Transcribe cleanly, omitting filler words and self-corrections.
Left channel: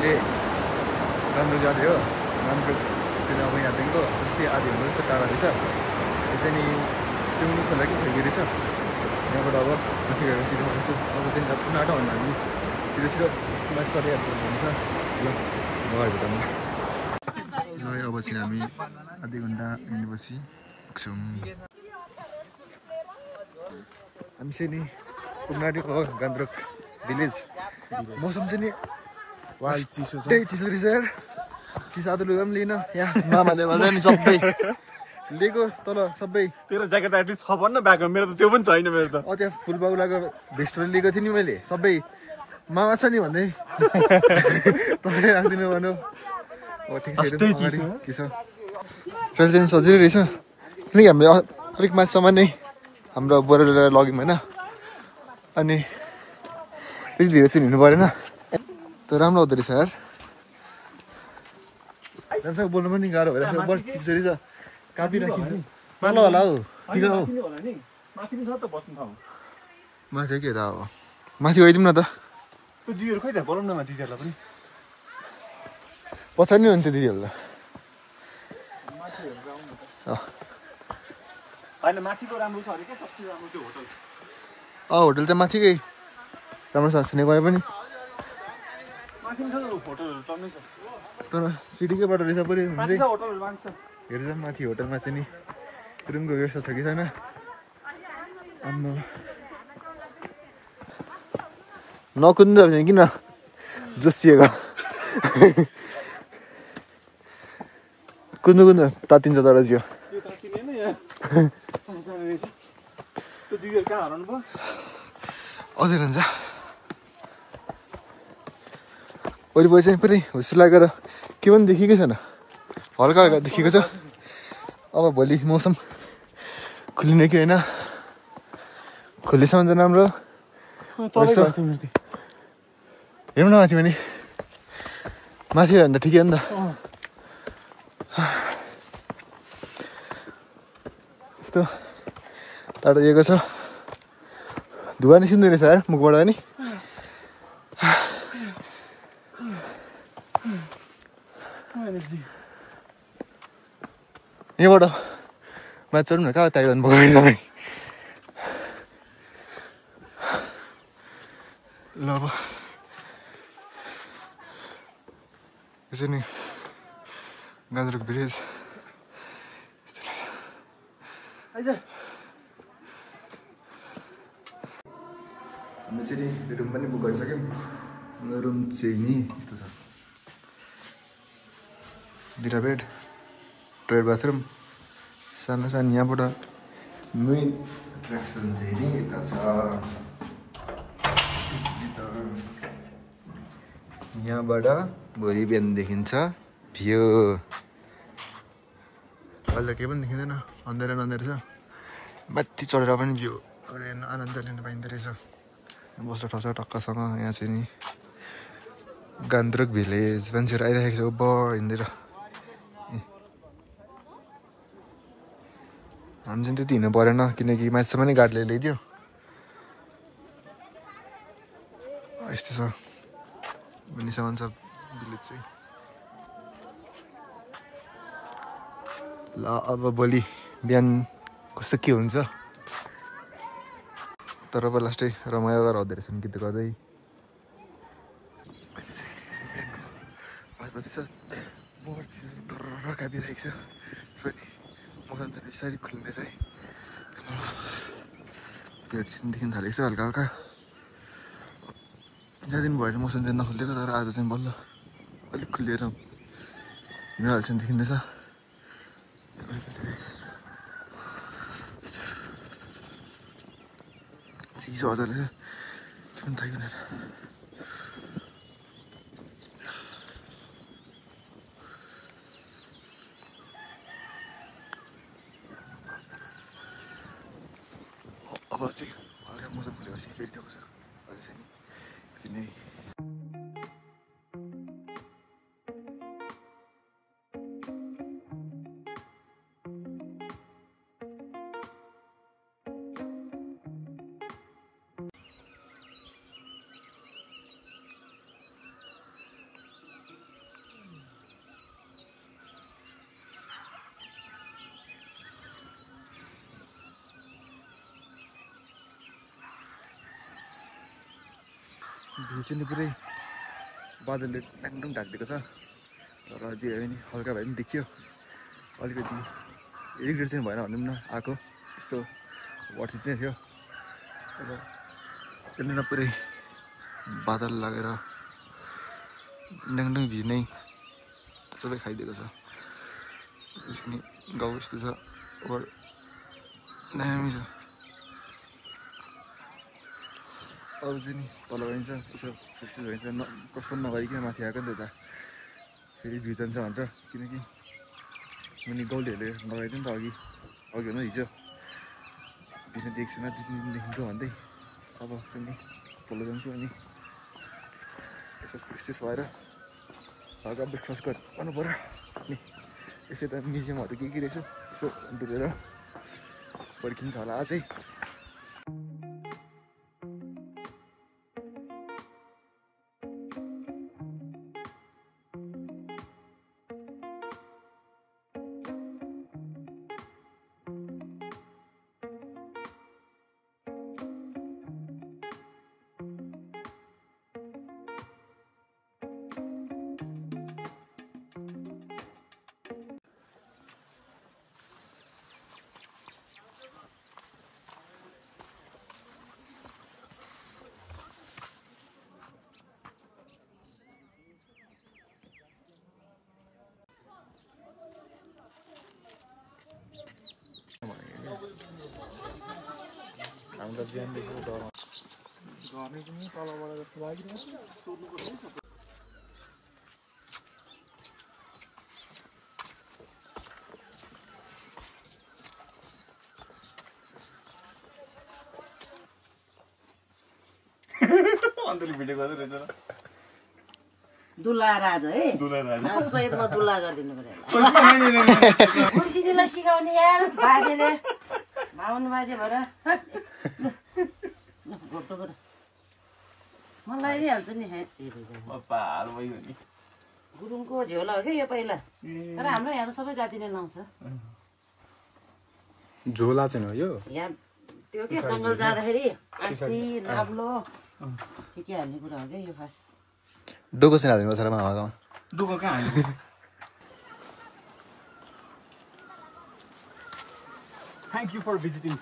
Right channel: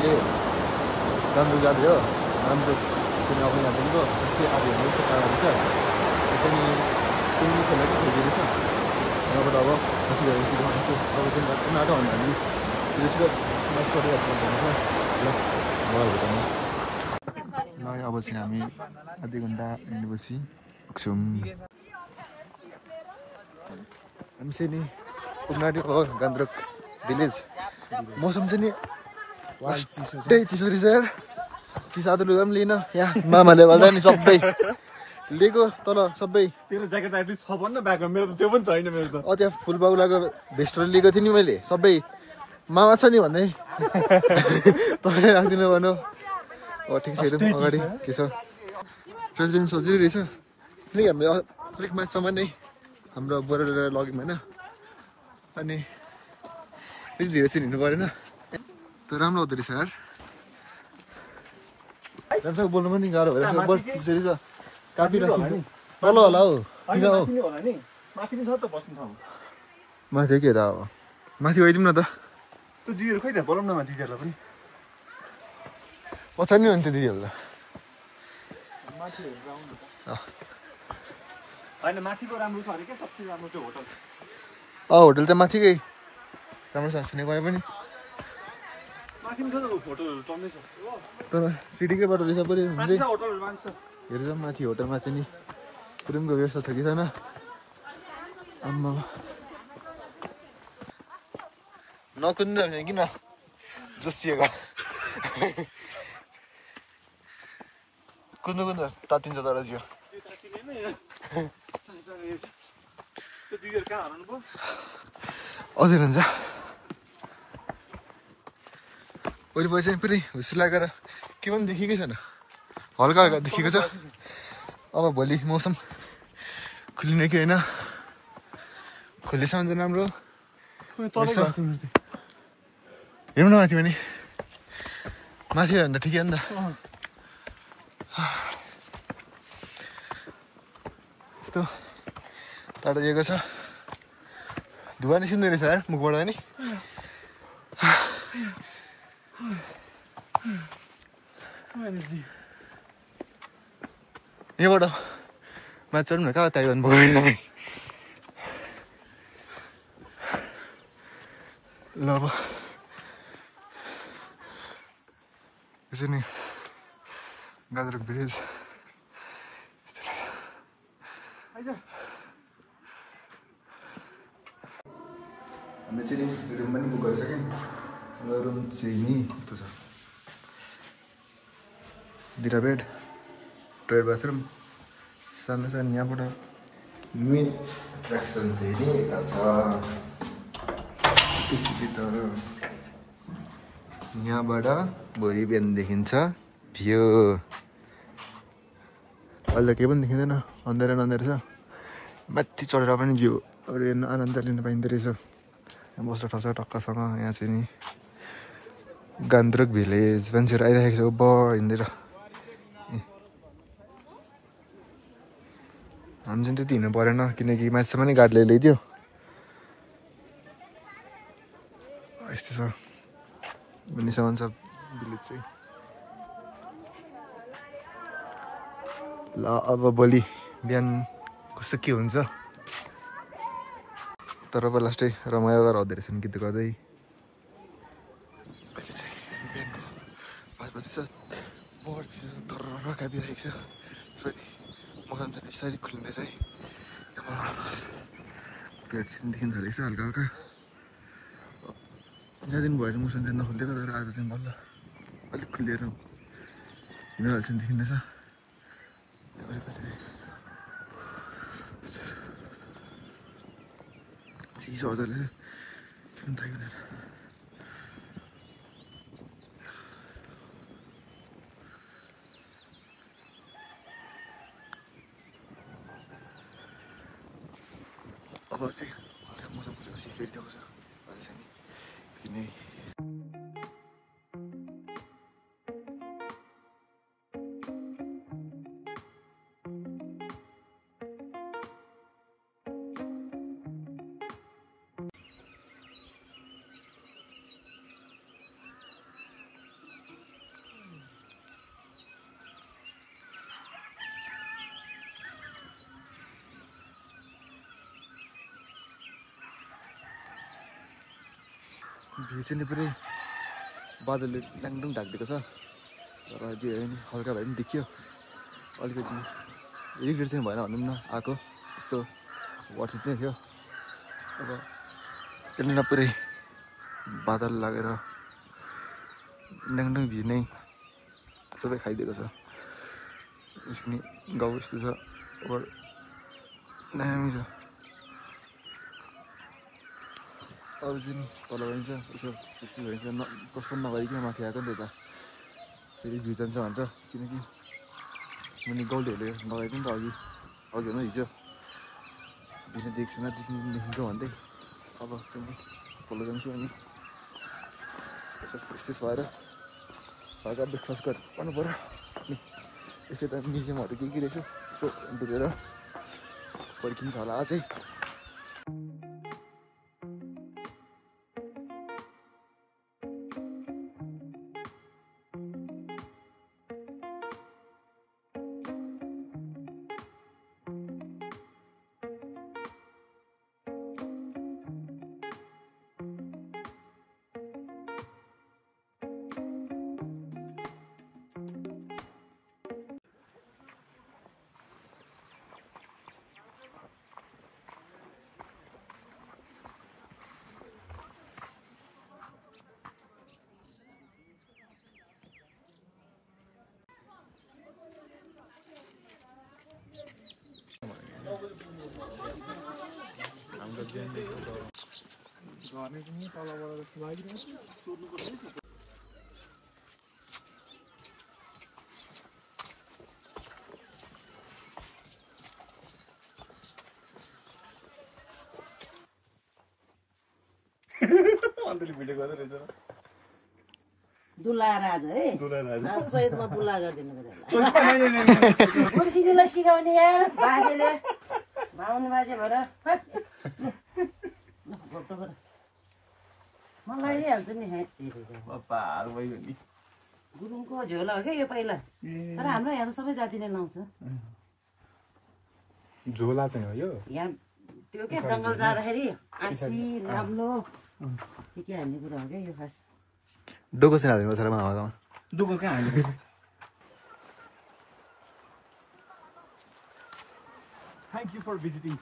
अहिले गान्तोक जाँदै हो गान्तोक चाहिँ अब यहाँदेखिको जस्तै आधी घन्टा जस्तो टाढा रहेछ यो चाहिँ नि सुइमिङ खोला कि खोइदिए रहेछ यहाँबाट अब माथि गएर सिधै भन्छु अब चाहिँ आँटो भन्दा हामी सिधै सिधै माथि चढिहाल्नु हुन्छ ल भयो भुटानमा ल अब चाहिँ हामी आधी घन्टा हिँडेपछि पुग्छौँ हामी चाहिँ नि पुग्नाटी हो गान्तोक भिलेज मौसम चाहिँ नि त्यही चिसो रहेछ यार चिसा त लुगा पनि लिन यहाँ मामाले गर्दा नि सबै लिएको तल सबै तेरो ज्याकेट एटलिस्ट छ भन्न ब्यागमा मेरो त त्यो पनि छैन मेरो त त्यहाँ फुलबाउलाको भेस्टहरू लिएको थियो नि मैले सबै मामा छ नि भन्दै तपाईँ राखिदिनु भन्नु हो ठिक छ के छ ट्रेन सजिलै रहेछ किनकि हामीले अलिक माथिसम्म नै हाम्रो बोराले लग्यौँ होइन अनि त्यति धेरै चाहिँ हिँड्नु परेन त राम्रो हुँदो रहेछ यार जान्छ बोल्नु पनि गाह्रो भइरहेको बढी चिसो रहेछ कापिराखिन्छ तल होला हौ किन हौ माथि के त अब माथि गइदिउँ न त त्यो दिदीहरू खै त बोलाउँ न दिदीहरूलाई पनि पछाडि नै हुन्थ्यो दिदीहरूलाई होइन माथिको राम्रो छ अरे क्या सबसे राम्रो त्यो होटल होटल त माथिकै राम्रो छ छिने गए पनि माथि पनि छ त होटलहरू टन्नै छ तर सिटीकैबाट रहेछ पऱ्यो माथि छ होटलहरू माथि छ हेर्छ माथि होटलमा चाहिँ नि रुमको व्यवस्था छ कि छैन आम्मा नकुद्नु भने किन जोसिएको कुद्नु कुद्नु तातिन्छ तर जियो त्यो तातिने नि यार त्यो दिदीहरू कहाँ हराउनु भयो अझै भन्छ वरिपरि चाहिँ पुरै हुस्सु लागेर के पनि देखेकै छैन हल्का हल्का देखेको छ अब भोलि मौसम खुलिने कि होइन खुलेसम्म चाहिँ राम्रो हेर्नु न माथि भने माथि भन्दा ठिकै हो नि त यस्तो टाढो दिएको छ धुवा निस्किँदो रहेछ यार मुखबाट नि यहाँबाट माथि चढ्नु न कहाँ तयार गर्नुभयो तपाईँ ल अब यो चाहिँ नि गान्तोक भिलेज हामीले चाहिँ नि रुम पनि बुक गरिसक्यौँ रुम चाहिँ नि यस्तो छ दुईवटा बेड टोयलेट बाथरुम सानो सानो यहाँबाट मेन एट्र्याक्सन चाहिँ नि यता छ यहाँबाट भोलि बिहान देखिन्छ भ्यू अहिले केही पनि देखिँदैन अन्धारो अन्धारो छ माथि चढेर पनि भ्यू आनन्द लिन पाइँदो रहेछ यहाँ बस्न ठाउँ छ टक्कसँग यहाँ चाहिँ नि गान्तोक भिलेज मान्छेहरू आइरहेको छ उभ हिँडेर हामी चाहिँ त्यति हिँड्नु परेन किनकि माथिसम्म नै गाडीले ल्याइदियो यस्तो छ भनिसम्म छ भिलेज चाहिँ ल अब भोलि बिहान कस्तो के हुन्छ तर अब लास्टै रमाइलो गरेर हुँदो रहेछ नि गीत गर्दै अहिले चाहिँ बिहानको 5 बजी छ बहुत तर कापिरहेको छ फेरि मौसम चाहिँ बिस्तारै खुलिँदैछ है पेट चाहिँ देखिन थालेको छ हल्का हल्का ज्यादा दिन भएर मौसम चाहिँ नखुलिदिएको तर आज चाहिँ बल्ल अलिक खुलिएर हिमाल चाहिँ देखिँदैछ चिसो हजुरले के पनि थाहा हुँदैन अब चाहिँ हल्का मौसम खुलेपछि फेरि देखाउँछ अहिले चाहिँ किनै भ्यू चाहिँ पुरै बादलले डाङडुङ ढाकिदिएको छ तर जे भए पनि हल्का भए पनि देखियो अलिकति रिग्रेट चाहिँ भएन भनौँ न आएको त्यस्तो वर्थ नै थियो अब त्यसले पुरै बादल लागेर डाङडुङ भ्यू नै सबै खाइदिएको छ यसरी गाउँ यस्तो छ ओभर दामी छ अब चाहिँ नि तल गइन्छ यसो फ्रेस भइन्छ कस्तो नगरिकन माथि आएको नि त फेरि भ्यू जान्छ भनेर किनकि मुनि गाउँलेहरूले लगाइदियो नि त अघि हुनु हिजो दिन देख्छैन 2-3 दिनदेखिको भन्दै अब पनि तल जान्छु अनि यसो फ्रेस भएर हल्का ब्रेकफास्ट गर्नु पऱ्यो अनि यसो त म्युजियमहरू के रहेछ यसो डुलेर फर्किन्छ होला अझै घरले चाहिँ तलबाट जस्तो लागिरहेको छ सोध्नुपर्छ है अन्तरी भिडियो गर्दै रहेछ र दुला राज है दुला राज सहितमा दुला गरिदिनु पर्यो खुर्सीले सिकाउने यार बाजेले भाउनु बाजे भएर घोटोबाट मलाई दिइहाल्छु नि पार भयो नि गुरुङको झोला हो क्या यो पहिला तर हाम्रो यहाँ सबै जाति नै लाउँछ झोला चाहिँ हो यो यहाँ त्यो के जङ्गल जाँदाखेरि आँसी लाब्लो के हाल्ने कुरा हो क्या यो खास डोको चाहिँ हालिदिनु पर्छ मामाकोमा डोको कहाँ हाल्नु Thank you for visiting.